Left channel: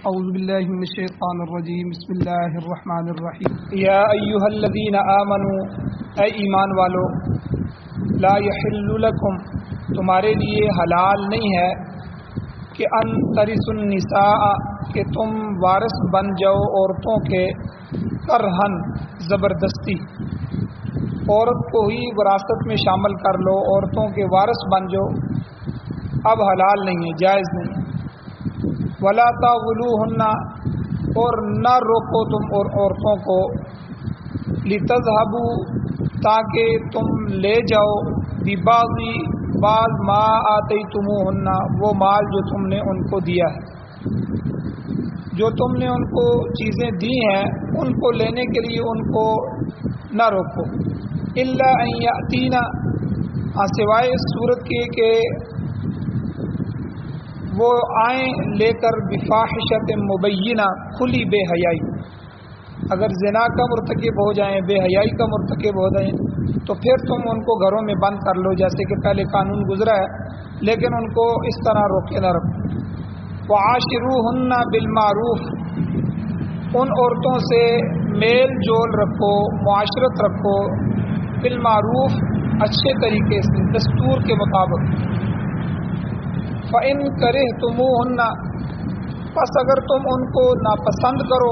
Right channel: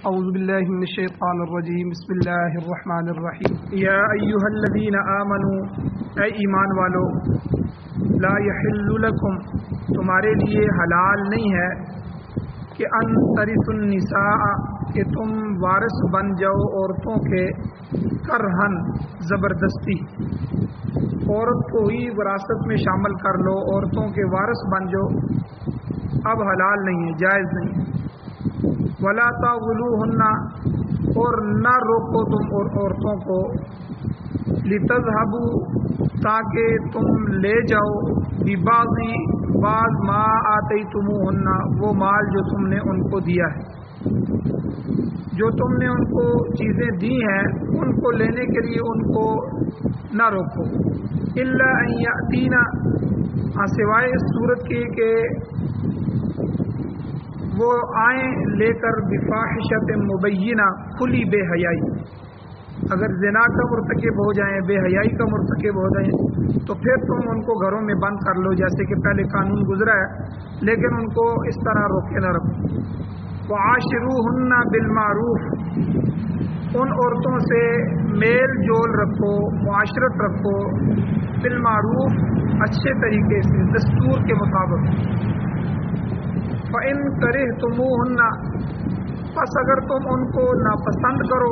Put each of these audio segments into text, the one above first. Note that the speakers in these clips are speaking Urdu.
اعوذ باللہ من الشیطان الرجیم بسم اللہ الرحمن الرحیم یا ایہا الذین آمنوا اے ایمان والو لا یحل لکم تمہارے لیے حلال نہیں ہے کہ ان ترثوا النساء کہ تم وارث بن جاؤ عورتوں کے کرہن زبردستی عورت کو ہی وراثت میں شامل کر لو عورتوں کے وارث بن جاؤ اب حلال نہیں ہے جائز نہیں ہے ولا تعولوہن اور نہ روکو تم عورتوں کو لتذہبوا تاکہ تم لے جاؤ بعض ما آتیتموہن وہ مال جو تم نے ان کو دیا ہے جو تم نے ان کو چیزیں دی ہیں ان کو لینے کے لیے ان کو نہ روکو الا ان یاتینا سوائے اس صورت کے کہ وہ آئیں لے کر بفاحشۃ مبینہ کھلی بے حیائی اگر زنا کا مرتکب ہو جائیں بے حیائی کا مرتکب ہو جائیں تو پھر تم ان کو گھروں میں بند کر لو جیسے کہ پہلے قانون گزرا ہے لیکن ان کو اس طرح روکے نہ رکھو وعاشروہن بالمعروف ان عورتوں سے میل جول رکھو معاشرت رکھو بالمعروف اچھے طریقے سے دستور کے مطابق فَإِن كَرِهْتُمُوهُنَّ پس اگر تم ان کو ناپسند کرو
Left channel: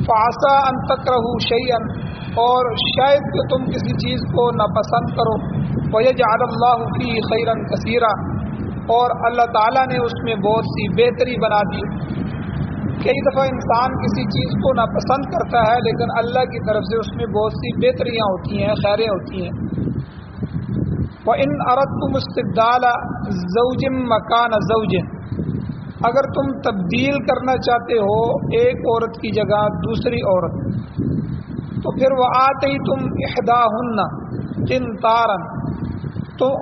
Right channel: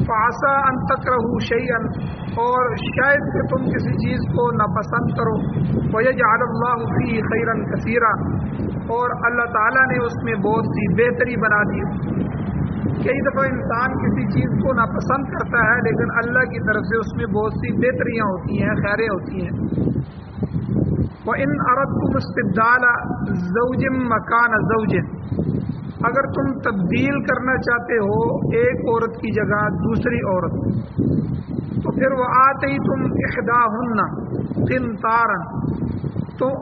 فَعَسَىٰ أَن تَكْرَهُوا شَيْئًا اور شاید کہ تم کسی چیز کو ناپسند کرو وَيَجْعَلَ اللَّهُ فِيهِ خَيْرًا كَثِيرًا اور اللہ تعالیٰ نے اس میں بہت سی بہتری بنا دی کئی دفعہ انسان کسی چیز کو ناپسند کرتا ہے لیکن اللہ کی طرف سے اس میں بہت سی بہتریاں ہوتی ہیں خیریں ہوتی ہیں وَإِنْ أَرَدْتُمُ اسْتِبْدَالَ زَوْجٍ مَكَانَ زَوْجٍ اگر تم تبدیل کرنا چاہتے ہو ایک عورت کی جگہ دوسری عورت تو پھر وَآتَيْتُمْ إِحْدَاهُنَّ قِنْطَارًا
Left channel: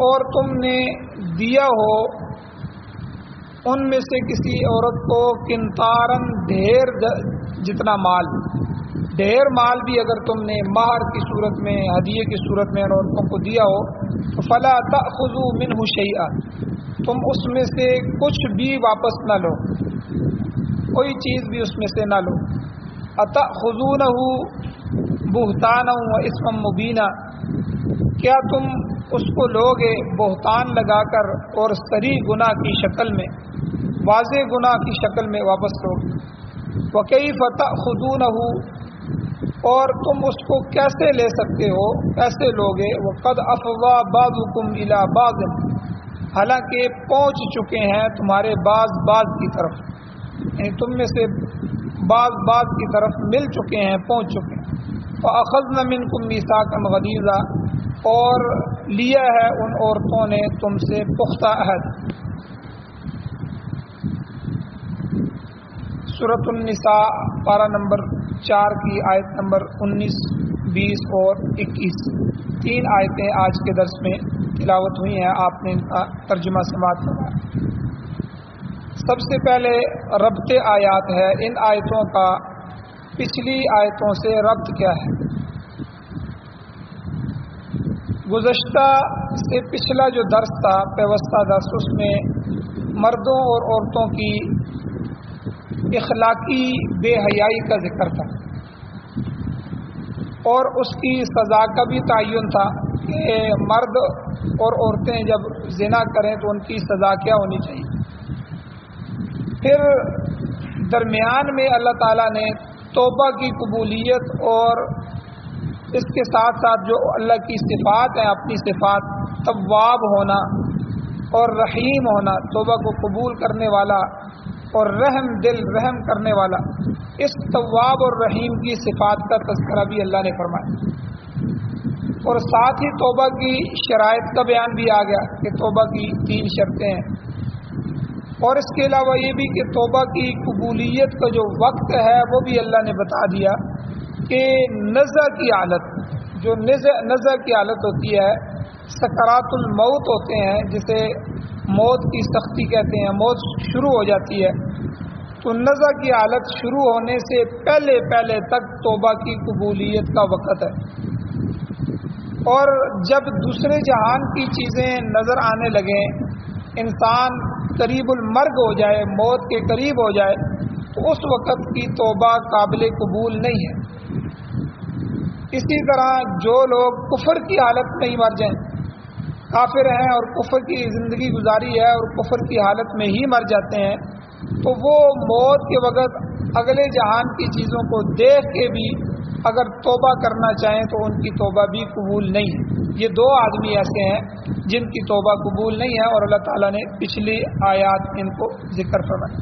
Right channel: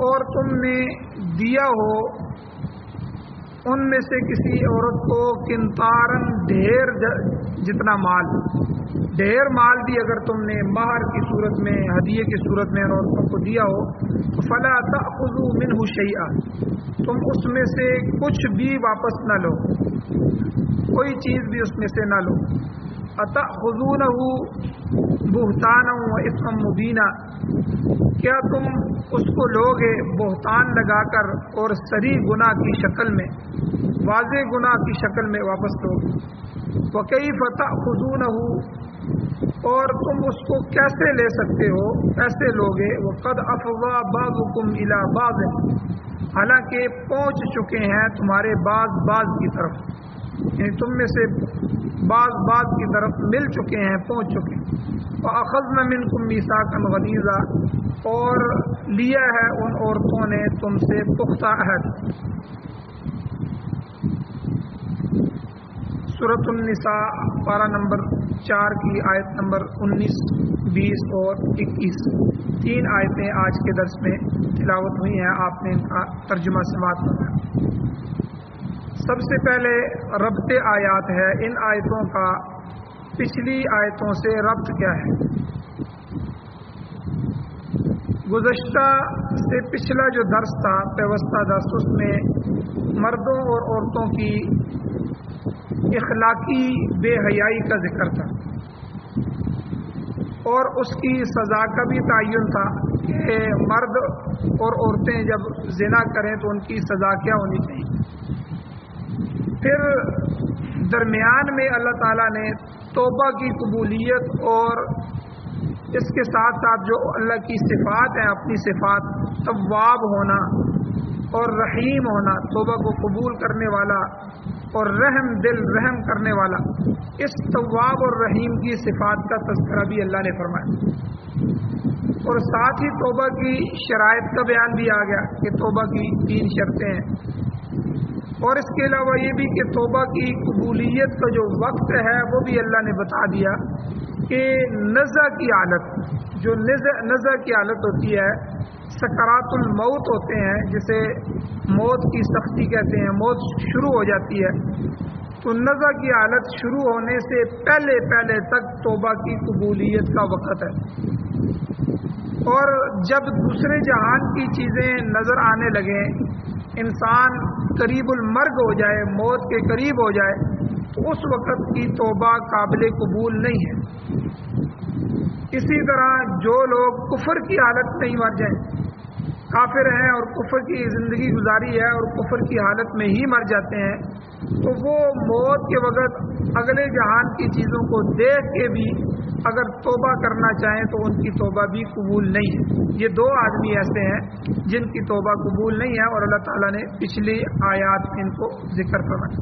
اور تم نے دیا ہو ان میں سے کسی عورت کو قنطاراً ڈھیر جتنا مال ڈھیر مال بھی اگر تم نے مہر کی صورت میں ہدیے کی صورت میں ان عورتوں کو دیا ہو تو فلا تأخذوا منه شیئا تم اس میں سے کچھ بھی واپس نہ لو کوئی چیز بھی اس میں سے نہ لو اتأخذونه بہتانا واثما مبینا کیا تم اس کو لوگے بہتان لگا کر اور صریح گناہ کی شکل میں واضح گناہ کی شکل میں واپس لوگے وکیف تأخذونه اور تم اس کو کیسے لے سکتے ہو کیسے لوگے وقد افضى بعضكم الى بعض حالانکہ پہنچ چکے ہیں تمہارے بعض کی طرف یعنی تم میں سے بعض کی طرف مل چکے ہیں پہنچ چکے ہیں واخذنا منكم ميثاقا غليظا اور لیا ہے ان عورتوں نے تم سے پختہ عہد سورۃ النساء پارہ نمبر 4 کی آیت نمبر 19 20 اور 21 تین آیتیں آج کے درس میں تلاوت ہوئی ہیں آپ نے ان کا ترجمہ سماعت کرنا سب سے پہلے ربط آیات ہے ان آیتوں کا پچھلی آیتوں سے ربط کیا ہے گزشتہ سے پچھلا جو درس تھا پیوستہ درس اس میں مردوں اور عورتوں کی اخلاقی بے حیائی کا ذکر تھا اور اس کی سزا کا بھی تعین تھا کہ مرد اور عورتیں جب زنا کریں تو ان کی سزا کیا ہونی چاہیے پھر درمیان میں اللہ تعالیٰ نے توبہ کی قبولیت اور اس کے ساتھ ساتھ جو اللہ کی صفات ہیں اپنی صفات تواب ہونا اور رحیم ہونا توبہ کو قبول کرنے والا اور رحم دل رحم کرنے والا اس تواب اور رحیم کی صفات کا تذکرہ بھی اللہ نے فرمایا اور ساتھ ہی توبہ کی شرائط کا بیان بھی آ گیا کہ توبہ کی 3 شرطیں ہیں اور اس کے علاوہ یہ بھی کہ توبہ کی قبولیت کا جو وقت ہے وہ بھی اللہ نے بتا دیا کہ نزع کی حالت جو نزع کی حالت ہوتی ہے سکرات الموت ہوتے ہیں جسے موت کی سختی کہتے ہیں موت شروع ہو جاتی ہے تو نزع کی حالت شروع ہونے سے پہلے تک توبہ کی قبولیت کا وقت ہے اور جب دوسرے جہان کی چیزیں نظر آنے لگیں انسان قریب المرگ ہو جائے، موت کے قریب ہو جائے، تو اس وقت کی توبہ قابل قبول نہیں ہے۔ اسی طرح جو لوگ کفر کی حالت میں ہی مر جائیں، کافر ہیں اور کفر کی زندگی گزاری ہے اور کفر کی حالت میں ہی مر جاتے ہیں، تو وہ موت کے وقت اگلے جہان کی چیزوں کو دیکھ کے بھی اگر توبہ کرنا چاہیں تو ان کی توبہ بھی قبول نہیں ہے۔ یہ دو آدمی ایسے ہیں جن کی توبہ قبول نہیں ہے، اور اللہ تعالیٰ نے پچھلی آیات ان کو ذکر فرمائی۔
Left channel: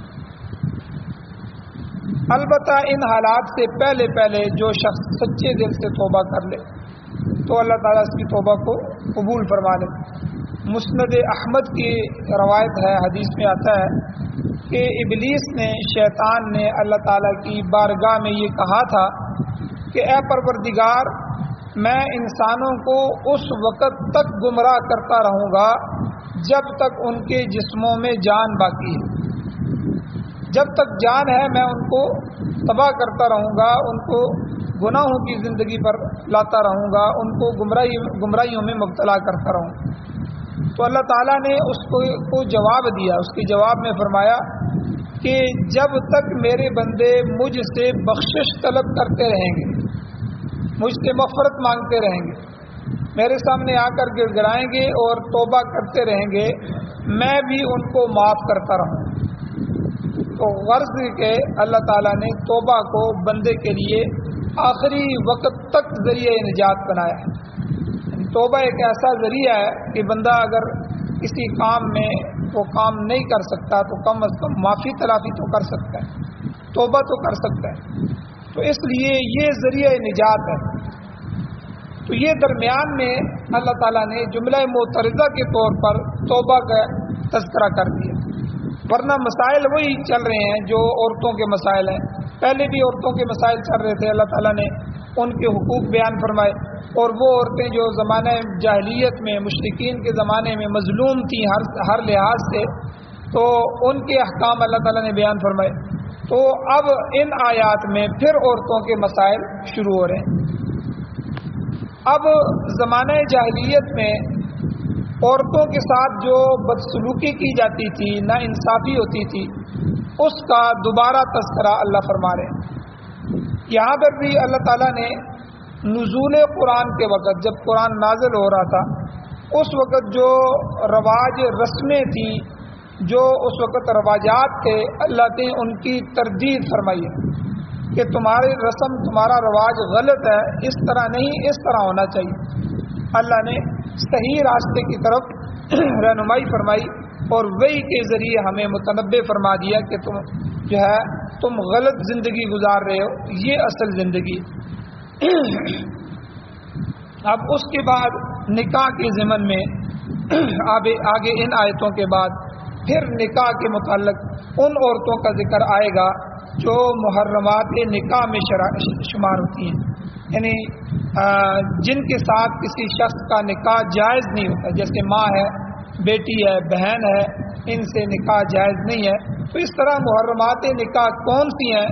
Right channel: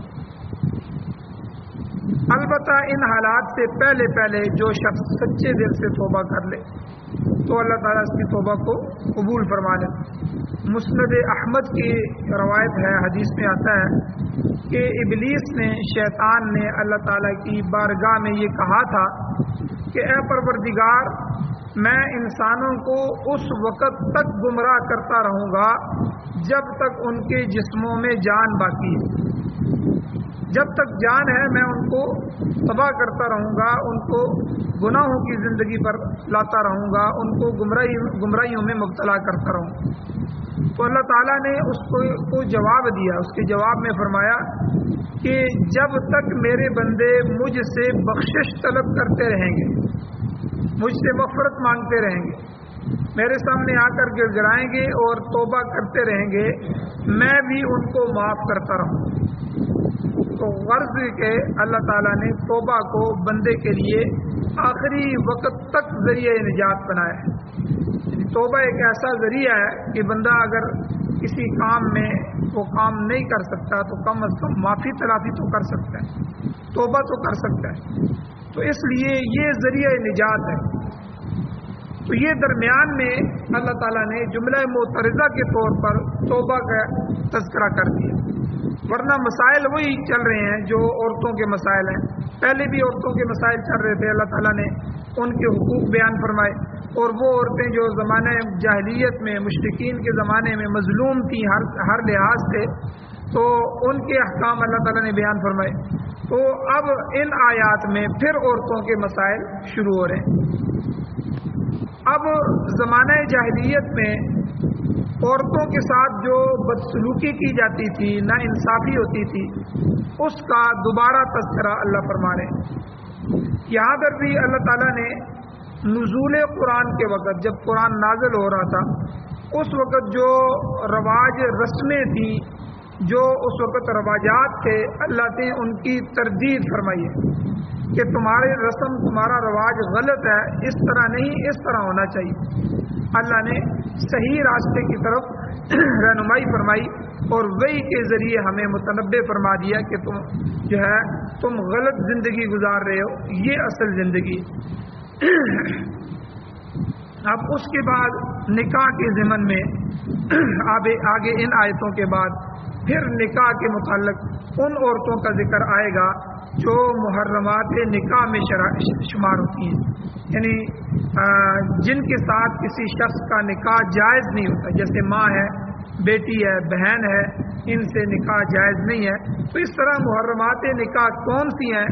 البتہ ان حالات سے پہلے جو شخص سچے دل سے توبہ کر لے تو اللہ تعالیٰ اس کی توبہ کو قبول فرما لے۔ مسند احمد کی روایت ہے، حدیث میں آتا ہے کہ ابلیس نے، شیطان نے اللہ تعالیٰ کی بارگاہ میں یہ کہا تھا کہ اے پروردگار، میں انسانوں کو اس وقت تک گمراہ کرتا رہوں گا جب تک ان کے جسموں میں جان باقی ہے، جب تک جان ہے میں ان کو تباہ کرتا رہوں گا، ان کو گناہوں کی زندگی پر لاتا رہوں گا، ان کو گمراہیوں میں مبتلا کرتا رہوں گا۔ تو اللہ تعالیٰ نے اس کو جواب دیا، اس کے جواب میں فرمایا کہ جب تک میرے بندے مجھ سے بخشش طلب کرتے رہیں گے، مجھ سے مغفرت مانگتے رہیں گے، میرے سامنے آ کر گڑ گڑائیں گے اور توبہ کرتے رہیں گے، میں بھی ان کو معاف کرتا رہوں۔ تو غرض کہ اللہ تعالیٰ نے توبہ کو بندے کے لیے آخری وقت تک ذریعہ نجات بنایا ہے۔ توبہ ایک ایسا ذریعہ ہے کہ بندہ اگر کسی کام میں وہ کام نہیں کر سکتا تو کم از کم معافی تلافی تو کر سکتا ہے، توبہ تو کر سکتا ہے، تو اس لیے یہ ذریعہ نجات ہے۔ تو یہ درمیان میں اللہ تعالیٰ نے جملہ معترضہ کے طور پر توبہ کا تذکرہ کر دیا، ورنہ مسائل وہی چل رہے ہیں جو عورتوں کے مسائل ہیں، پہلے بھی عورتوں کے مسائل چل رہے تھے، اللہ تعالیٰ نے ان کے حقوق بیان فرمائے، اور وہ عورتیں جو زمانہ جاہلیت میں، مشرکین کے زمانے میں مظلوم تھیں ہر لحاظ سے، تو ان کے احکام اللہ تعالیٰ نے بیان فرمائے۔ تو اب ان آیات میں پھر عورتوں کے مسائل شروع ہو رہے ہیں۔ اب زمانہ جاہلیت میں عورتوں کے ساتھ جو بدسلوکی کی جاتی تھی، ناانصافی ہوتی تھی، اس کا دوبارہ تذکرہ اللہ فرما رہے ہیں۔ یہاں پر بھی اللہ تعالیٰ نے نزول قرآن کے وقت، جب قرآن نازل ہو رہا تھا، اس وقت جو رواج رسمیں تھیں، جو اس وقت رواجات تھے، اللہ نے ان کی تردید فرمائی ہے کہ تمہاری رسم، تمہارا رواج غلط ہے، اس طرح نہیں، اس طرح ہونا چاہیے۔ اللہ نے صحیح راستے کی طرف رہنمائی فرمائی اور وحی کے ذریعے ہمیں متنبع فرما دیا کہ تم غلط زندگی گزار رہے ہو، یہ اصل زندگی۔ اب اس کے بعد نکاح کے ضمن میں آگے ان آیتوں کے بعد پھر نکاح کے متعلق ان عورتوں کا ذکر آئے گا جو محرمات نکاح میں شمار ہوتی ہیں، یعنی جن کے ساتھ کسی شخص کا نکاح جائز نہیں ہوتا، جیسے ماں ہے، بیٹی ہے، بہن ہے، ان سے نکاح جائز نہیں ہے۔ تو اس طرح محرمات نکاح کون سی ہیں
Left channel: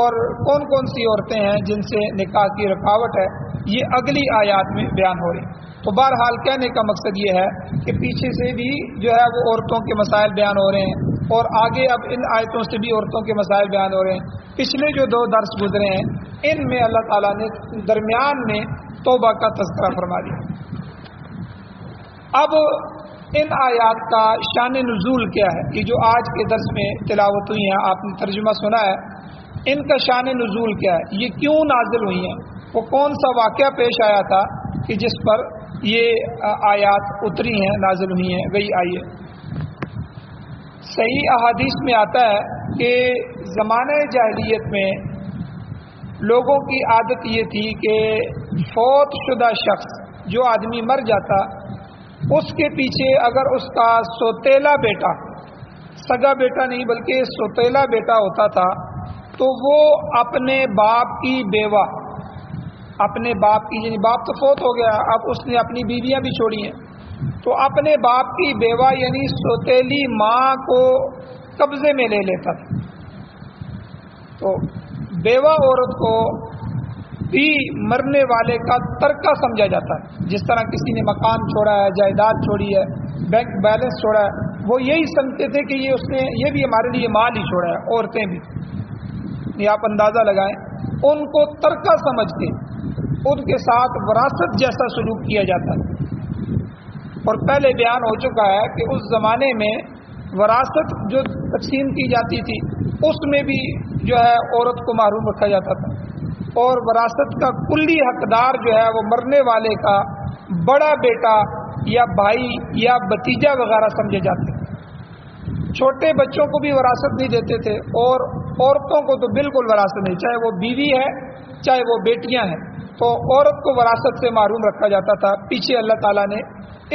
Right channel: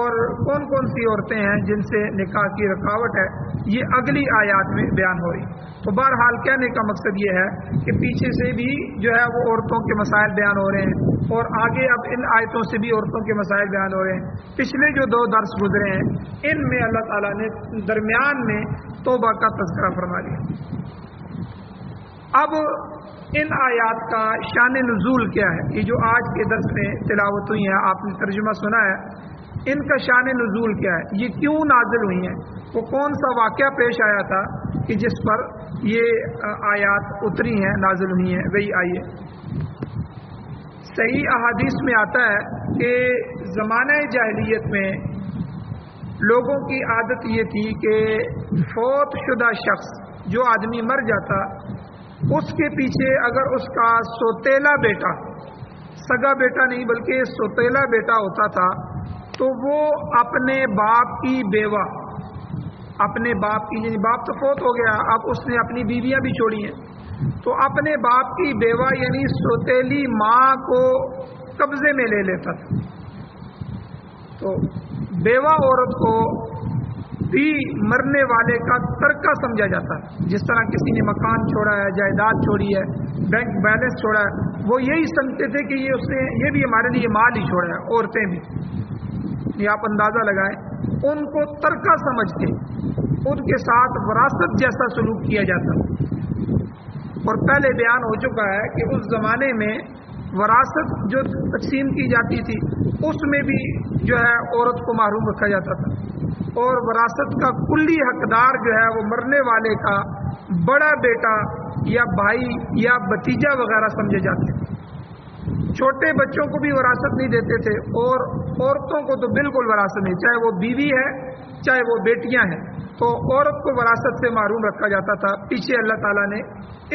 اور کون کون سی عورتیں ہیں جن سے نکاح کی رکاوٹ ہے، یہ اگلی آیات میں بیان ہو رہی۔ تو بہرحال کہنے کا مقصد یہ ہے کہ پیچھے سے بھی جو ہے وہ عورتوں کے مسائل بیان ہو رہے ہیں، اور آگے اب ان آیتوں سے بھی عورتوں کے مسائل بیان ہو رہے ہیں۔ پچھلے جو 2 درس گزرے ہیں ان میں اللہ تعالیٰ نے درمیان میں توبہ کا تذکرہ فرما دیا۔ اب ان آیات کا شان نزول کیا ہے، یہ جو آج کے درس میں تلاوت ہوئی ہیں، آپ نے ترجمہ سنا ہے، ان کا شان نزول کیا ہے، یہ کیوں نازل ہوئی ہیں، وہ کون سا واقعہ پیش آیا تھا کہ جس پر یہ آیات اتری ہیں، نازل ہوئی ہیں، وہی آئیے۔ صحیح احادیث میں آتا ہے کہ زمانہ جاہلیت میں لوگوں کی عادت یہ تھی کہ فوت شدہ شخص، جو آدمی مر جاتا، اس کے پیچھے اگر اس کا سوتیلا بیٹا، سگا بیٹا نہیں بلکہ سوتیلا بیٹا ہوتا تھا، تو وہ اپنے باپ کی بیوہ، اپنے باپ کی، یعنی باپ تو فوت ہو گیا، اب اس نے اپنی بیویاں بھی چھوڑی ہیں، تو اپنے باپ کی بیوہ یعنی سوتیلی ماں کو قبضے میں لے لیتا تھا۔ تو بیوہ عورت کو بھی مرنے والے کا ترکہ سمجھا جاتا ہے، جس طرح کسی نے مکان چھوڑا ہے، جائیداد چھوڑی ہے، بینک بیلنس چھوڑا ہے، وہ یہی سمجھتے تھے کہ یہ بھی ہمارے لیے مال ہی چھوڑا ہے، عورتیں بھی، یہ آپ اندازہ لگائیں، ان کو ترکہ سمجھ کے ان کے ساتھ وراثت جیسا سلوک کیا جاتا تھا۔ اور پہلے بیان ہو چکا ہے کہ اس زمانے میں وراثت جو تقسیم کی جاتی تھی اس میں بھی جو ہے عورت کو محروم رکھا جاتا تھا، اور وراثت کا کلی حقدار جو ہے وہ مرنے والے کا بڑا بیٹا یا بھائی یا بھتیجا وغیرہ سمجھے جاتے تھے۔ چھوٹے بچوں کو بھی وراثت نہیں دیتے تھے، اور عورتوں کو تو بالکل وراثت نہیں، چاہے وہ بیوی ہے چاہے وہ بیٹیاں ہیں، تو عورت کو وراثت سے محروم رکھا جاتا تھا۔ پیچھے اللہ تعالیٰ نے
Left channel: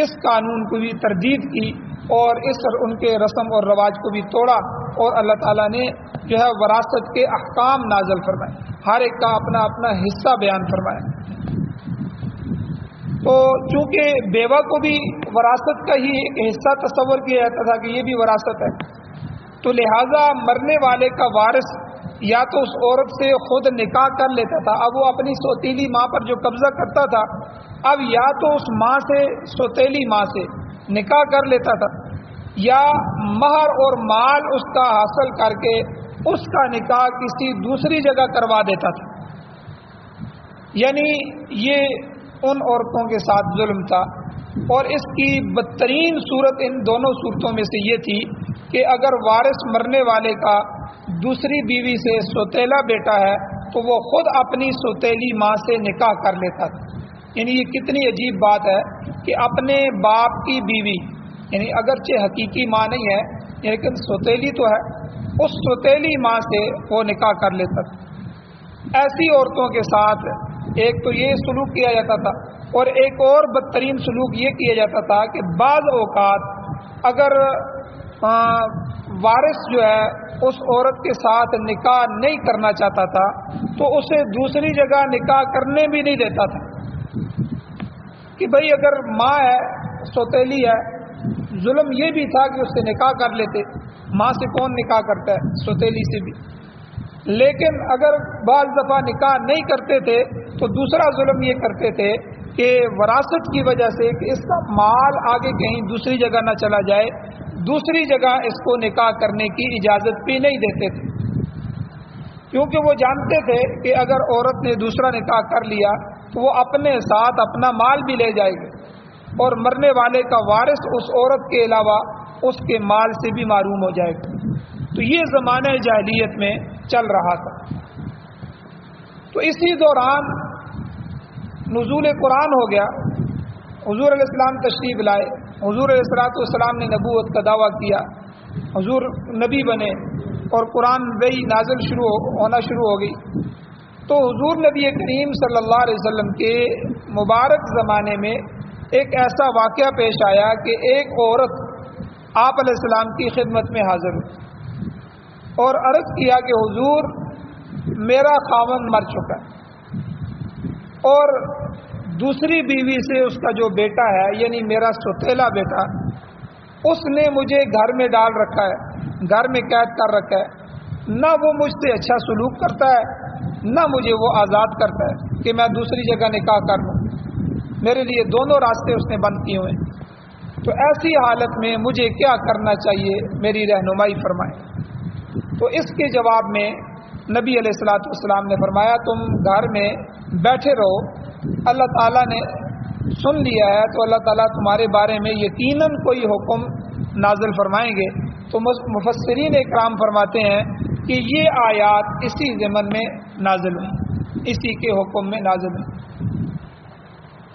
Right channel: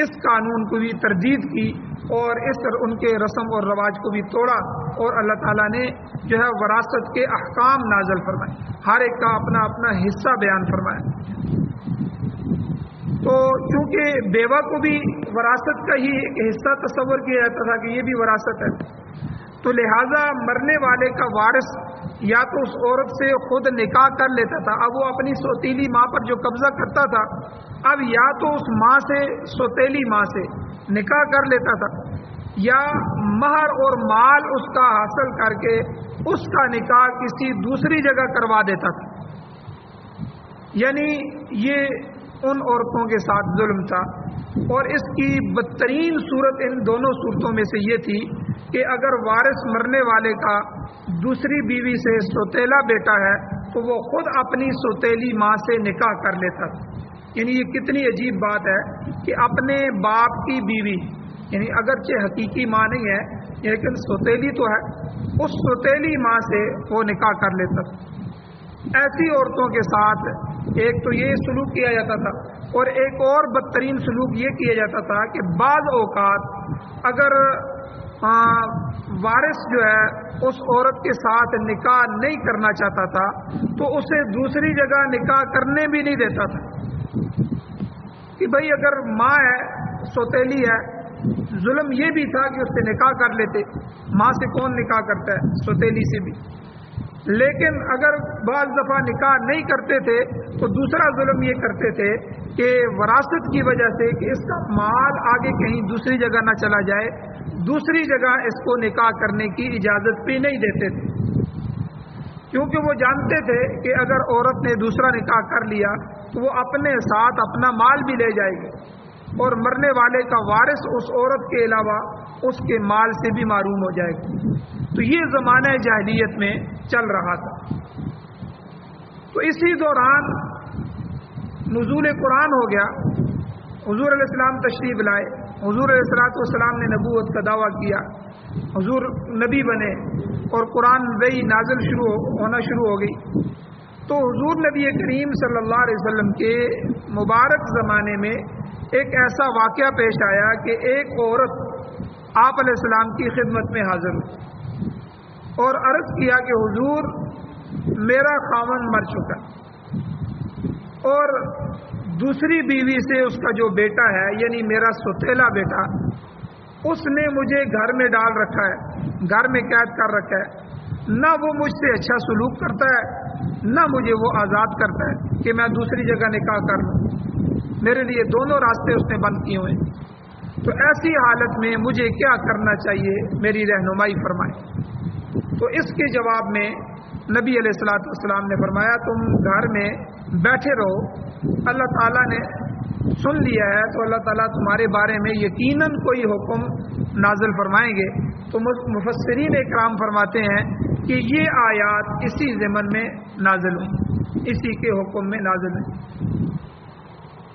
اس قانون کو بھی تردید کی اور ان کے رسم اور رواج کو بھی توڑا، اور اللہ تعالیٰ نے جو ہے وراثت کے احکام نازل فرمائے، ہر ایک کا اپنا اپنا حصہ بیان فرمایا۔ تو چونکہ بیوہ کو بھی وراثت کا ہی ایک حصہ تصور کیا جاتا تھا کہ یہ بھی وراثت ہے، تو لہٰذا مرنے والے کا وارث یا تو اس عورت سے خود نکاح کر لیتا تھا، اب وہ اپنی سوتیلی ماں پر جو قبضہ کرتا تھا اب یا تو اس ماں سے، سوتیلی ماں سے نکاح کر لیتا تھا، یا مہر اور مال اس کا حاصل کر کے اس کا نکاح کسی دوسری جگہ کروا دیتا تھا۔ یعنی یہ ان عورتوں کے ساتھ ظلم تھا، اور اس کی بدترین صورت ان دونوں صورتوں میں سے یہ تھی کہ اگر وارث مرنے والے کا دوسری بیوی سے سوتیلا بیٹا ہے تو وہ خود اپنی سوتیلی ماں سے نکاح کر لیتا تھا۔ یعنی یہ کتنی عجیب بات ہے کہ اپنے باپ کی بیوی، یعنی اگرچہ حقیقی ماں نہیں ہے لیکن سوتیلی تو ہے، اس سوتیلی ماں سے وہ نکاح کر لیتا تھا۔ ایسی عورتوں کے ساتھ ایک تو یہ سلوک کیا جاتا تھا، اور ایک اور بدترین سلوک یہ کیا جاتا تھا کہ بعض اوقات اگر وارث جو ہے اس عورت کے ساتھ نکاح نہیں کرنا چاہتا تھا تو اسے دوسری جگہ نکاح کرنے بھی نہیں دیتا تھا، کہ بھئی اگر ماں ہے، سوتیلی ہے، ظلم یہ بھی تھا کہ اس سے نکاح کر لیتے، ماں سے کون نکاح کرتا ہے، سوتیلی سے بھی، لیکن اگر بعض دفعہ نکاح نہیں کرتے تھے تو دوسرا ظلم یہ کرتے تھے کہ وراثت کی وجہ سے کہ اس کا مال آگے کہیں دوسری جگہ نہ چلا جائے، دوسری جگہ اس کو نکاح کرنے کی اجازت بھی نہیں دیتے تھے، کیونکہ وہ جانتے تھے کہ اگر عورت نے دوسرا نکاح کر لیا تو وہ اپنے ساتھ اپنا مال بھی لے جائے گی، اور مرنے والے کا وارث اس عورت کے علاوہ اس کے مال سے بھی محروم ہو جائے گا۔ تو یہ زمانہ جاہلیت میں چل رہا تھا۔ تو اسی دوران نزول قرآن ہو گیا، حضور علیہ السلام تشریف لائے، حضور علیہ السلام نے نبوت کا دعویٰ کیا، حضور نبی بنے، اور قرآن وحی نازل ہونا شروع ہو گئی۔ تو حضور نبی کریم صلی اللہ علیہ وسلم کے مبارک زمانے میں ایک ایسا واقعہ پیش آیا کہ ایک عورت آپ علیہ السلام کی خدمت میں حاضر ہوئی اور عرض کیا کہ حضور میرا خاوند مر چکا اور دوسری بیوی سے اس کا جو بیٹا ہے، یعنی میرا سوتیلا بیٹا، اس نے مجھے گھر میں ڈال رکھا ہے، گھر میں قید کر رکھا ہے، نہ وہ مجھ سے اچھا سلوک کرتا ہے نہ مجھے وہ آزاد کرتا ہے کہ میں دوسری جگہ نکاح کر لوں، میرے لیے دونوں راستے اس نے بند کیے ہوئے ہیں، تو ایسی حالت میں مجھے کیا کرنا چاہیے، میری رہنمائی فرمائیں۔ تو اس کے جواب میں نبی علیہ السلام نے فرمایا تم گھر میں بیٹھے رہو، اللہ تعالیٰ نے سن لیا ہے تو اللہ تعالیٰ تمہارے بارے میں یقیناً کوئی حکم نازل فرمائیں گے۔ تو مفسرین اکرام فرماتے ہیں کہ یہ آیات اسی ضمن میں نازل ہوئی، اسی کے حکم میں نازل ہوئی۔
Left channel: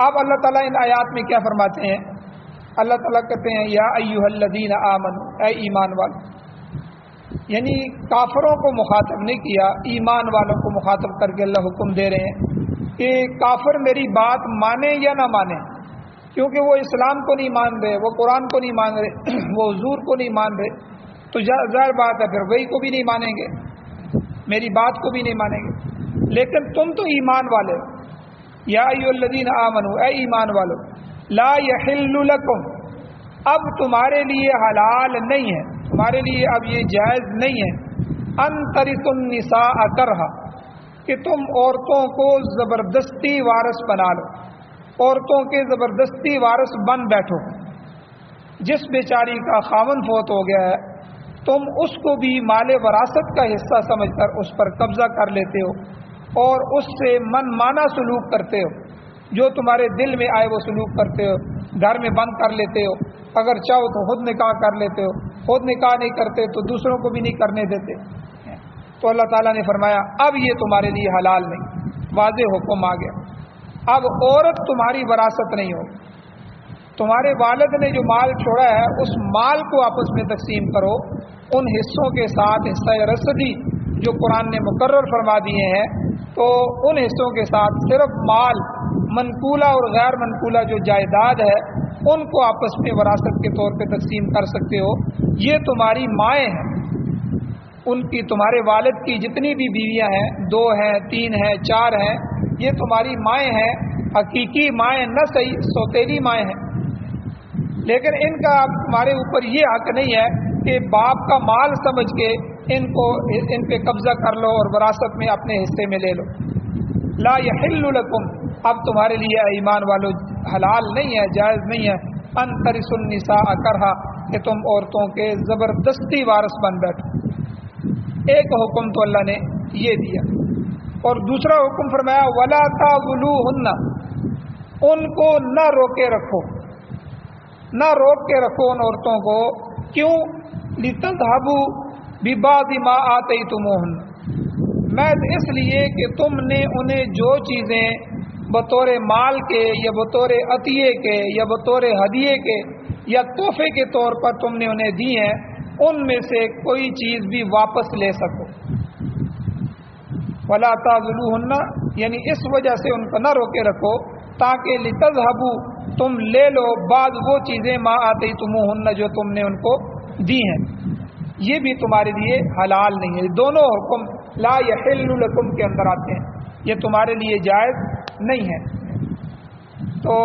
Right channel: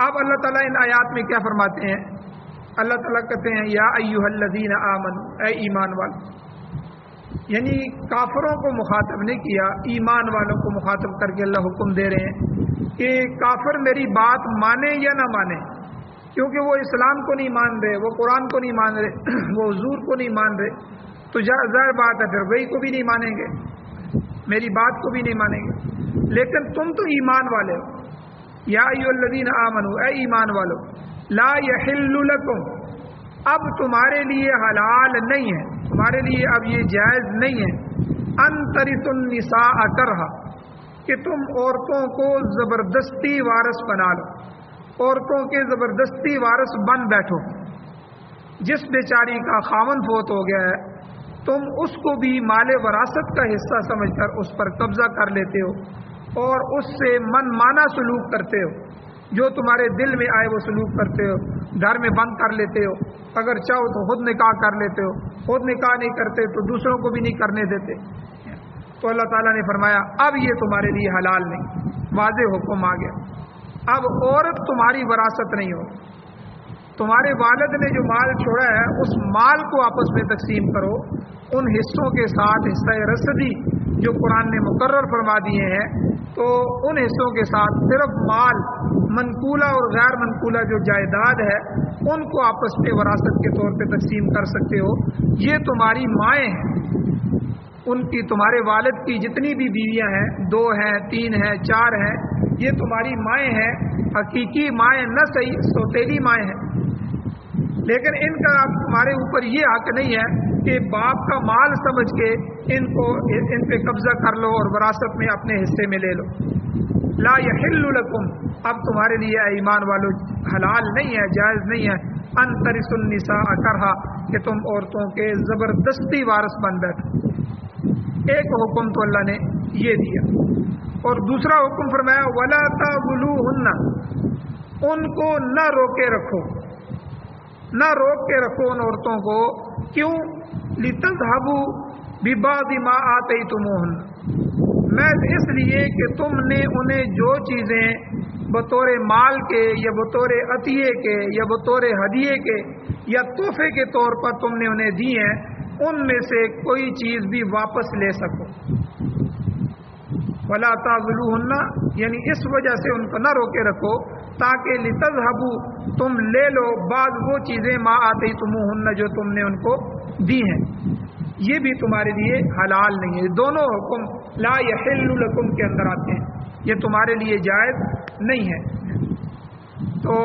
اب اللہ تعالیٰ ان آیات میں کیا فرماتے ہیں؟ اللہ تعالیٰ کہتے ہیں یا ایھا الذین آمنوا، اے ایمان والو، یعنی کافروں کو مخاطب نہیں کیا، ایمان والوں کو مخاطب کر کے اللہ حکم دے رہے ہیں کہ کافر میری بات مانے یا نہ مانے، کیونکہ وہ اسلام کو نہیں مان رہے، وہ قرآن کو نہیں مان رہے، وہ حضور کو نہیں مان رہے، تو ظاہر بات ہے پھر وہی کو بھی نہیں مانیں گے، میری بات کو بھی نہیں مانیں گے۔ لیکن تم تو ایمان والے ہو، یا ایھا الذین آمنوا، اے ایمان والو، لا یحل لکم، اب تمہارے لیے حلال نہیں ہے، تمہارے لیے اب یہ جائز نہیں ہے، ان ترثوا النساء کرہا، کہ تم عورتوں کو زبردستی وارث بنا لو، عورتوں کے زبردستی وارث بن بیٹھو، جس بیچاری کا خاوند فوت ہو گیا ہے تم اس کو بھی مال وراثت کا حصہ سمجھ کر اس پر قبضہ کر لیتے ہو اور اس سے من مانا سلوک کرتے ہو، جو تمہارے دل میں آئے وہ سلوک کرتے ہو، گھر میں بند کر لیتے ہو، اگر چاہو تو خود نکاح کر لیتے ہو، خود نکاح نہیں کرتے تو دوسروں کو بھی نہیں کرنے دیتے۔ تو اللہ تعالیٰ نے فرمایا اب یہ تمہارے لیے حلال نہیں، واضح حکم آ گیا، اب عورت تمہاری وراثت نہیں ہو، تمہارے والد نے جو مال چھوڑا ہے اس مال کو آپس میں تقسیم کرو، ان حصوں کے ساتھ حصہ رسدی جو قرآن نے مقرر فرما دیے ہیں، تو ان حصوں کے ساتھ صرف مال منقولہ اور غیر منقولہ جو جائیداد ہے ان کو آپس میں وراثت کے طور پہ تقسیم کر سکتے ہو۔ یہ تمہاری مائیں ہیں، ان کی تمہارے والد کی جتنی بھی بیویاں ہیں، 2 ہیں 3 ہیں 4 ہیں، یہ تمہاری مائیں ہیں، حقیقی مائیں نہ صحیح سوتیلی مائیں ہیں، لیکن ان کا اب تمہارے اوپر یہ حق نہیں ہے کہ باپ کا مال سمجھ کے ان پہ قبضہ کر لو اور وراثت میں اپنے حصے میں لے لو۔ لا یحل لکم، اب تمہارے لیے اے ایمان والو حلال نہیں ہے، جائز نہیں ہے، ان ترثوا النساء کرہا، کہ تم عورتوں کے زبردستی وارث بن بیٹھو۔ ایک حکم تو اللہ نے یہ دیا، اور دوسرا حکم فرمایا ولا تعضلوہن، ان کو نہ روکے رکھو، نہ روک کے رکھو ان عورتوں کو، کیوں؟ لتذهبوا ببعض ما آتیتموہن، محض اس لیے کہ تم نے انہیں جو چیزیں بطور مال کے یا بطور عطیے کے یا بطور ہدیے کے یا تحفے کے طور پر تم نے انہیں دی ہیں، ان میں سے کوئی چیز بھی واپس لے سکو۔ ولا تعضلوہن، یعنی اس وجہ سے ان کو نہ روکے رکھو تاکہ لتذهبوا، تم لے لو بعض وہ چیزیں ما آتیتموہن جو تم نے ان کو دی ہیں، یہ بھی تمہارے لیے حلال نہیں ہے۔ دونوں حکم لا یحل لکم کے اندر آتے ہیں، یہ تمہارے لیے جائز نہیں ہے۔ تو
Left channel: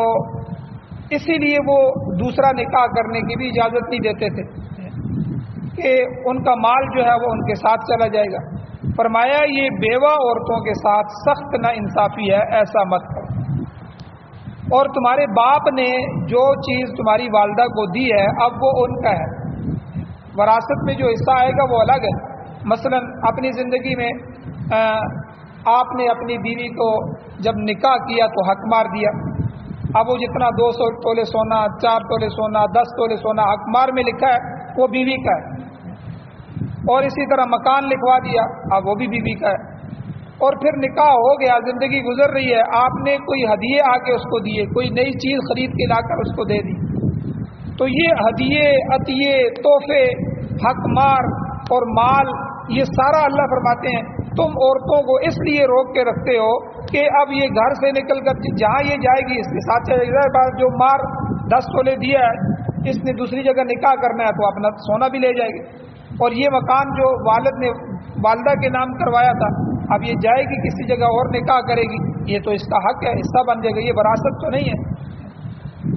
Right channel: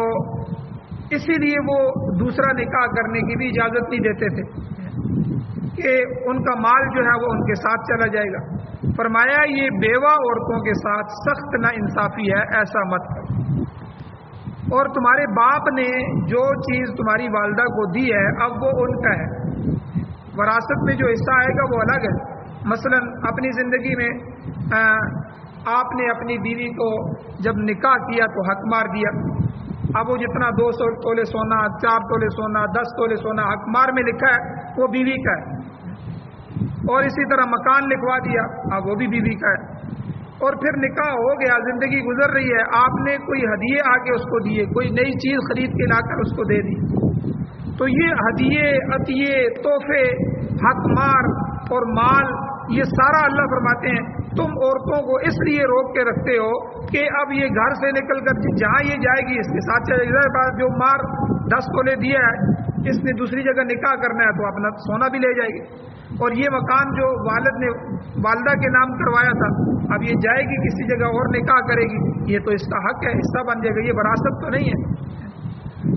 اسی لیے وہ دوسرا نکاح کرنے کی بھی اجازت نہیں دیتے تھے کہ ان کا مال جو ہے وہ ان کے ساتھ چلا جائے گا۔ فرمایا یہ بیوہ عورتوں کے ساتھ سخت نا انصافی ہے، ایسا مت کرو۔ اور تمہارے باپ نے جو چیز تمہاری والدہ کو دی ہے اب وہ ان کا ہے، وراثت میں جو حصہ آئے گا وہ الگ ہے۔ مثلا اپنی زندگی میں آپ نے اپنی بیوی کو جب نکاح کیا تو حق مار دیا، اب وہ جتنا 200 تولے سونا، 4 تولے سونا، 10 تولے سونا حق مار میں لکھا ہے وہ بیوی کا ہے، اور اسی طرح مکان لکھوا دیا اب وہ بھی بیوی کا ہے، اور پھر نکاح ہو گیا، زندگی گزر رہی ہے، آپ نے کوئی ہدیے آ کے اس کو دیے، کوئی نئی چیز خرید کے لا کر اس کو دے دی، تو یہ ہدیے عطیے تحفے حق مار اور مال یہ سارا اللہ فرماتے ہیں تم عورتوں کو اس لیے روک کے رکھتے ہو کہ اب یہ گھر سے نکل کر جہاں یہ جائے گی اس کے ساتھ چلے جائے، جو مار 10 تولے دیا ہے اس نے دوسری جگہ نکاح کرنا ہے تو اپنا سونا بھی لے جائے گی، اور یہ مکان جو والد نے والدہ کے نام کروایا تھا اب یہ جائے گی کسی جگہ اور نکاح کرے گی، یہ تو اس کا حق ہے، حصہ بن جائے گا، یہ وراثت تو نہیں ہے۔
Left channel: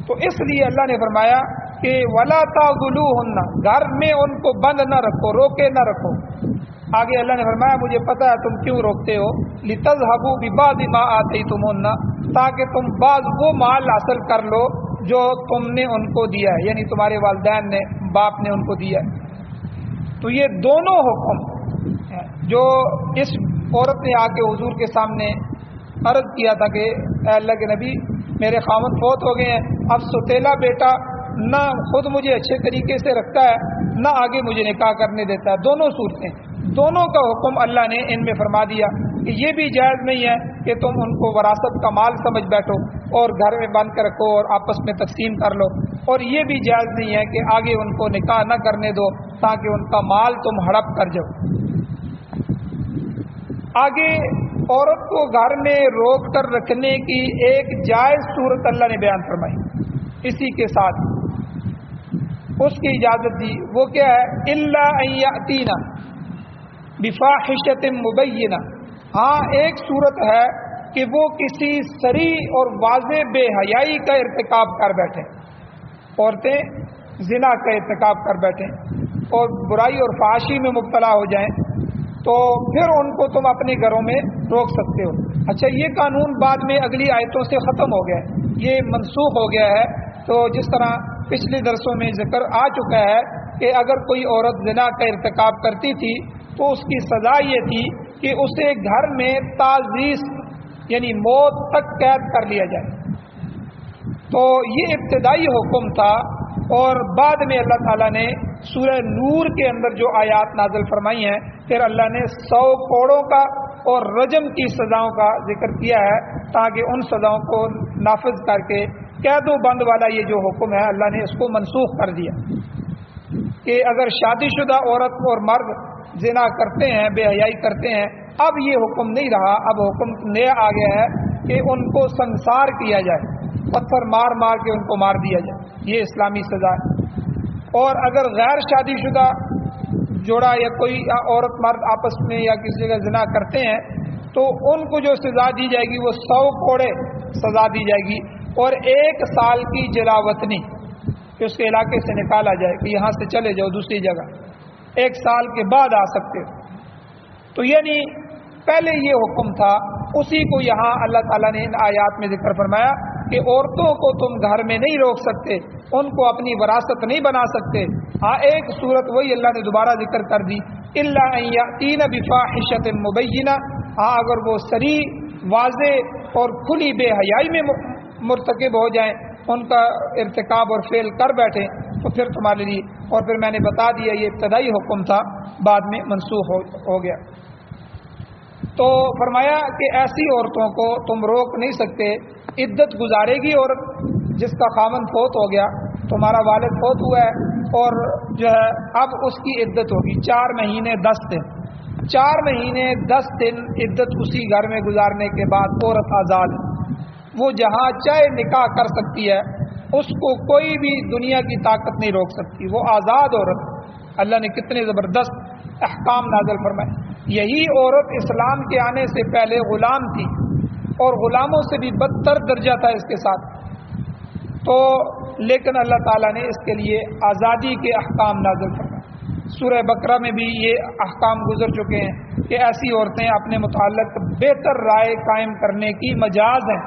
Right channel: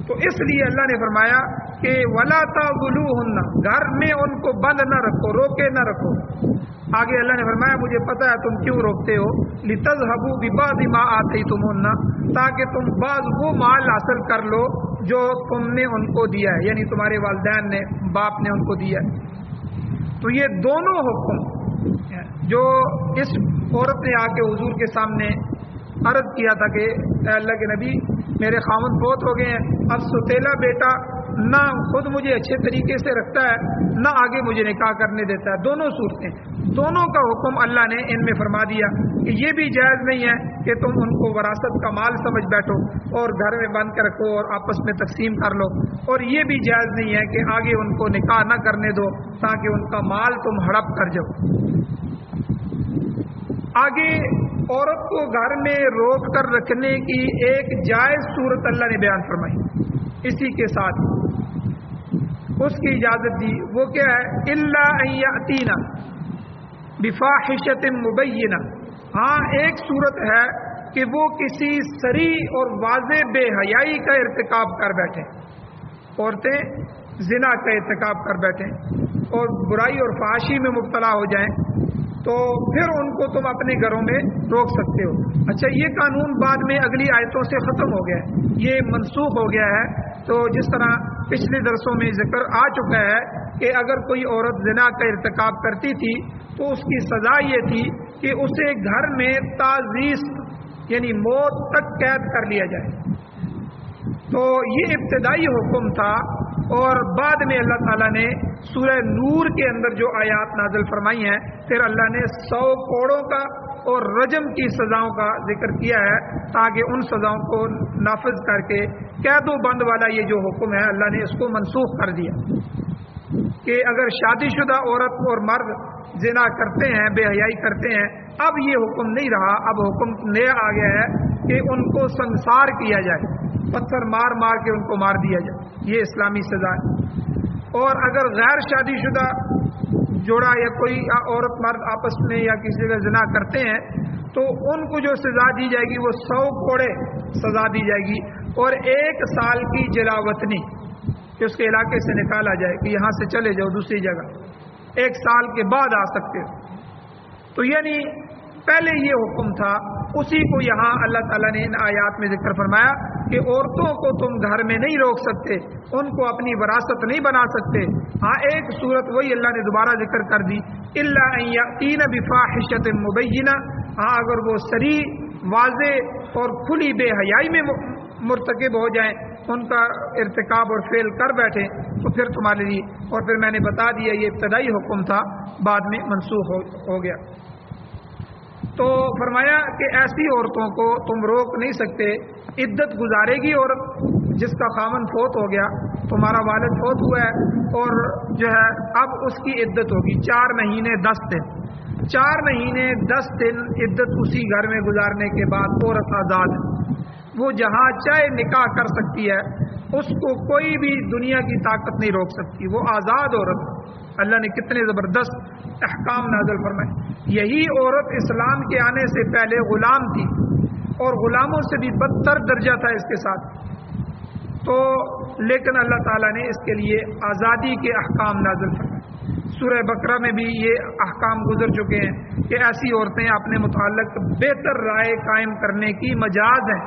تو اس لیے اللہ نے فرمایا کہ ولا تعضلوہن، گھر میں ان کو بند نہ رکھو، روکے نہ رکھو۔ آگے اللہ نے فرمایا مجھے پتہ ہے تم کیوں روکتے ہو، لتذهبوا ببعض ما آتیتموہن، تاکہ تم بعض وہ مال حاصل کر لو جو تم نے ان کو دیا ہے، یعنی تمہارے والدین نے باپ نے ان کو دیا ہے۔ تو یہ دونوں حکم جو اس عورت نے آ کے حضور کے سامنے عرض کیا تھا کہ اے اللہ کے نبی میرے خاوند فوت ہو گئے ہیں، اب ستیلا بیٹا نہ خود مجھے اچھے طریقے سے رکھتا ہے نہ آگے مجھے نکاح کرنے دیتا ہے، دونوں صورتیں، دونوں کا حکم اللہ نے ان میں فرما دیا کہ یہ بھی جائز نہیں ہے کہ تم ان کو وراثت کا مال سمجھ بیٹھو اور گھر میں بند کر رکھو اور آپس میں تقسیم کر لو، اور یہ بھی جائز نہیں ہے کہ آگے ان کو نکاح نہ کرنے دو تاکہ ان کا مال تم ہڑپ کر جاؤ۔ آگے عورت کو گھر میں روک کر رکھنے کی ایک جائز صورت اللہ نے بیان فرمائی، اسی کے ساتھ اس کی اجازت دی، وہ کیا ہے؟ الا ان یاتینا بفاحشۃ مبینہ، ہاں ایک صورت ہے کہ وہ کسی صریح اور واضح بے حیائی کا ارتکاب کر بیٹھیں، عورتیں زنا کا ارتکاب کر بیٹھیں اور برائی اور فحاشی میں مبتلا ہو جائیں تو پھر ان کو تم اپنے گھروں میں روک سکتے ہو۔ اچھا یہ قانون بعد میں اگلی آیتوں سے ختم ہو گیا ہے، یہ منسوخ ہو گیا ہے، تو جس طرح پچھلے درسوں میں ذکر آ چکا ہے کہ اگر کوئی عورت زنا کا ارتکاب کرتی تھی تو اس کی سزا یہ تھی کہ اسے گھر میں تعزیز یعنی موت تک قید کر لیا جائے. تو یہ ابتدائی حکم تھا، اور بعد میں اللہ تعالیٰ نے سورہ نور کے اندر جو آیات نازل فرمائی ہیں پھر اللہ نے 100 کوڑوں کا اور رجم کی سزاؤں کا ذکر کیا ہے، تاکہ ان سزاؤں کو نافذ کر کے قید و بند والا یہ جو حکم ہے اللہ نے اس کو منسوخ کر دیا کہ اگر شادی شدہ عورت اور مرد زنا کرتے ہیں، بے حیائی کرتے ہیں، اب یہ حکم نہیں رہا، اب حکم نیا آ گیا ہے کہ ان کو سنسار کیا جائے، پتھر مار مار کے ان کو مار دیا جائے، یہ اسلامی سزا ہے. اور اگر غیر شادی شدہ جوڑا یا کوئی عورت مرد آپس میں یا کسی جگہ زنا کرتے ہیں تو ان کو جو سزا دی جائے گی وہ 100 کوڑے سزا دی جائے گی، اور 1 سال کی جلاوطنی کہ اس کے علاقے سے نکالا جائے کہ یہاں سے چلے جاؤ دوسری جگہ، 1 سال کے بعد آ سکتے. تو یعنی پہلے یہ حکم تھا، اسی کو یہاں اللہ تعالیٰ نے ان آیات میں ذکر فرمایا کہ عورتوں کو تم گھر میں نہیں روک سکتے، ان کو اپنی وراثت نہیں بنا سکتے. ہاں ایک صورت وہی اللہ نے دوبارہ ذکر کر دی، الا ان یاتین بفاحشۃ مبینہ، ہاں اگر وہ صریح واضح اور کھلی بے حیائی میں مرتکب ہو جائیں، ان کا ارتکاب اور فعل کر بیٹھیں تو پھر تمہارے لیے، اور پھر میں نے بتا دیا یہ ابتدائی حکم تھا، بعد میں منسوخ ہو گیا. تو فرمایا کہ ایسی عورتوں کو تم روک نہیں سکتے. عدت گزارے گی عورت جس کا خاوند فوت ہو گیا، تمہارا والد فوت ہوا ہے اور جو ہے اب اس کی عدت ہوگی 4 مہینے 10 دن. 4 مہینے 10 دن عدت اسی گھر میں گزارنے کے بعد عورت آزاد ہے، وہ جہاں چاہے نکاح کر سکتی ہے، اس کو کوئی بھی دنیا کی طاقت نہیں روک سکتی، وہ آزاد عورت. اللہ نے کتنے زبردست احکام نازل فرمائے. یہی عورت اسلام کے آنے سے پہلے غلام تھی اور غلاموں سے بھی بدتر درجہ تھا اس کے ساتھ. تو لیکن اللہ تعالیٰ نے اس کے لیے آزادی کے احکام نازل فرمائے. سورہ بقرہ میں بھی یہ احکام گزر چکے ہیں کہ ایسی عورتیں اپنے متعلق بہتر رائے قائم کرنے کی مجاز ہیں،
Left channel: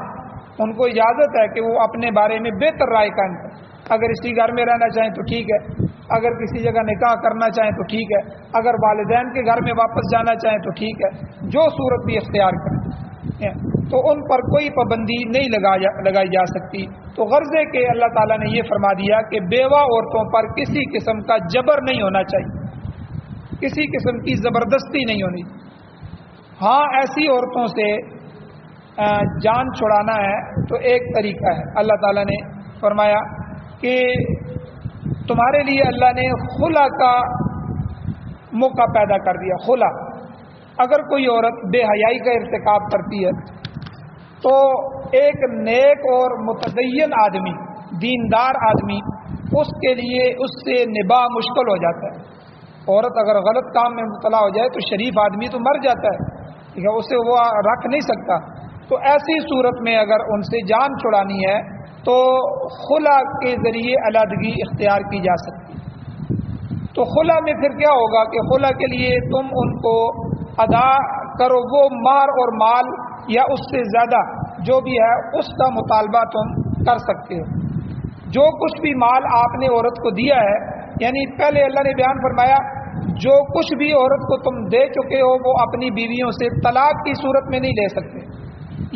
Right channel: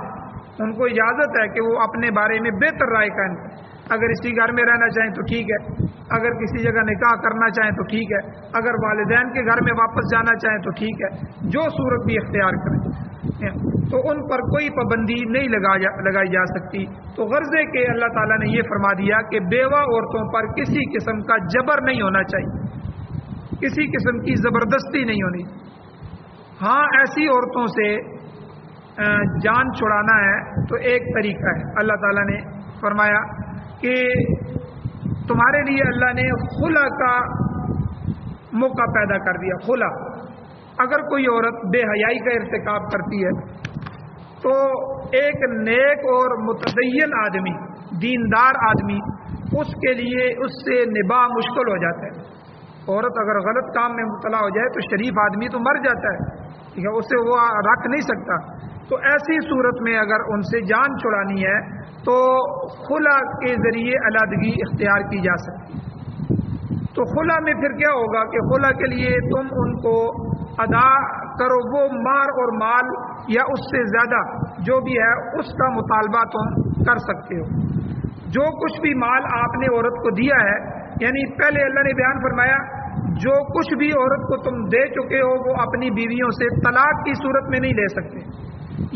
ان کو اجازت ہے کہ وہ اپنے بارے میں بہتر رائے قائم کریں. اگر اسی گھر میں رہنا چاہیں تو ٹھیک ہے، اگر کسی جگہ نکاح کرنا چاہیں تو ٹھیک ہے، اگر والدین کے گھر میں واپس جانا چاہیں تو ٹھیک ہے، جو صورت بھی اختیار کریں تو ان پر کوئی پابندی نہیں لگائی جا سکتی. تو غرض ہے کہ اللہ تعالیٰ نے یہ فرما دیا کہ بیوہ عورتوں پر کسی قسم کا جبر نہیں ہونا چاہیے، کسی قسم کی زبردستی نہیں ہونی. ہاں ایسی عورتوں سے جان چھڑانا ہے تو ایک طریقہ ہے. اللہ تعالیٰ نے فرمایا کہ تمہارے لیے اللہ نے خلا کا موقع پیدا کر دیا. خلا، اگر کوئی عورت بے حیائی کا ارتکاب کرتی ہے تو ایک نیک اور متدین آدمی، دیندار آدمی، اس کے لیے اس سے نباہ مشکل ہو جاتا ہے. عورت اگر غلط کام میں مبتلا ہو جائے تو شریف آدمی تو مر جاتا ہے، ٹھیک ہے، اسے وہ رکھ نہیں سکتا. تو ایسی صورت میں اگر ان سے جان چھڑانی ہے تو خلا کے ذریعے علیحدگی اختیار کی جا سکتی. تو خلا میں پھر کیا ہوگا کہ خلا کے لیے تم ان کو ادا کرو وہ مہر اور مال یا اس سے زیادہ جو بھی ہے اس کا مطالبہ تم کر سکتے ہو. جو کچھ بھی مال آپ نے عورت کو دیا ہے، یعنی پہلے اللہ نے بیان فرمایا جو کچھ بھی عورت کو تم دے چکے ہو وہ اپنی بیویوں سے طلاق کی صورت میں نہیں لے سکتے،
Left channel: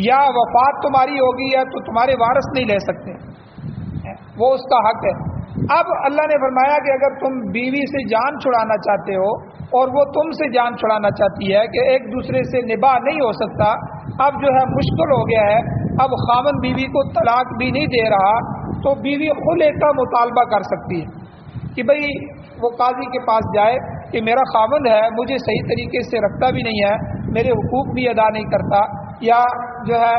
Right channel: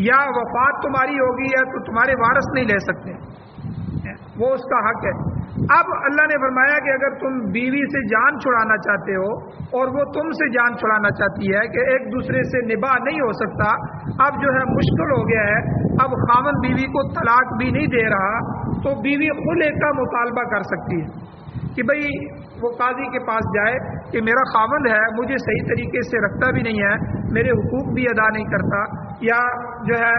یا وفات تمہاری ہوگی یا تو تمہارے وارث نہیں لے سکتے، وہ اس کا حق ہے. اب اللہ نے فرمایا کہ اگر تم بیوی سے جان چھڑانا چاہتے ہو اور وہ تم سے جان چھڑانا چاہتی ہے کہ ایک دوسرے سے نباہ نہیں ہو سکتا، اب جو ہے مشکل ہو گیا ہے، اب خاوند بیوی کو طلاق بھی نہیں دے رہا، تو بیوی خلع کا مطالبہ کر سکتی ہے کہ بھئی وہ قاضی کے پاس جائے کہ میرا خاوند ہے، مجھے صحیح طریقے سے رکھتا بھی نہیں ہے، میرے حقوق بھی ادا نہیں کرتا، یا جو ہے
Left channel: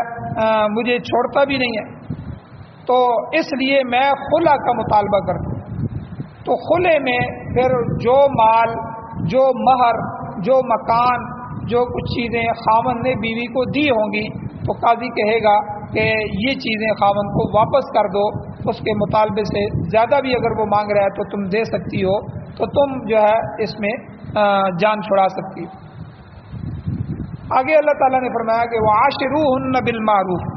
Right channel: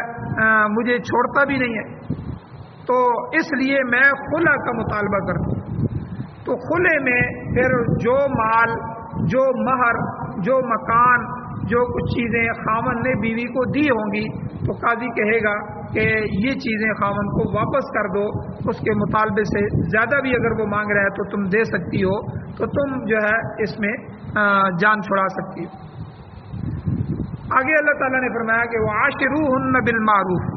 مجھے چھوڑتا بھی نہیں ہے، تو اس لیے میں خلع کا مطالبہ کرتا ہوں. تو خلع میں پھر جو مال، جو مہر، جو مکان، جو کچھ چیزیں خاوند نے بیوی کو دی ہوں گی تو قاضی کہے گا کہ یہ چیزیں خاوند کو واپس کر دو، اس کے مطالبے سے زیادہ بھی اگر وہ مانگ رہا ہے تو تم دے سکتی ہو، تو تم جو ہے اس میں جان چھڑا سکتی ہو. آگے اللہ تعالیٰ نے فرمایا کہ وَعَاشِرُوهُنَّ بِالْمَعْرُوفِ،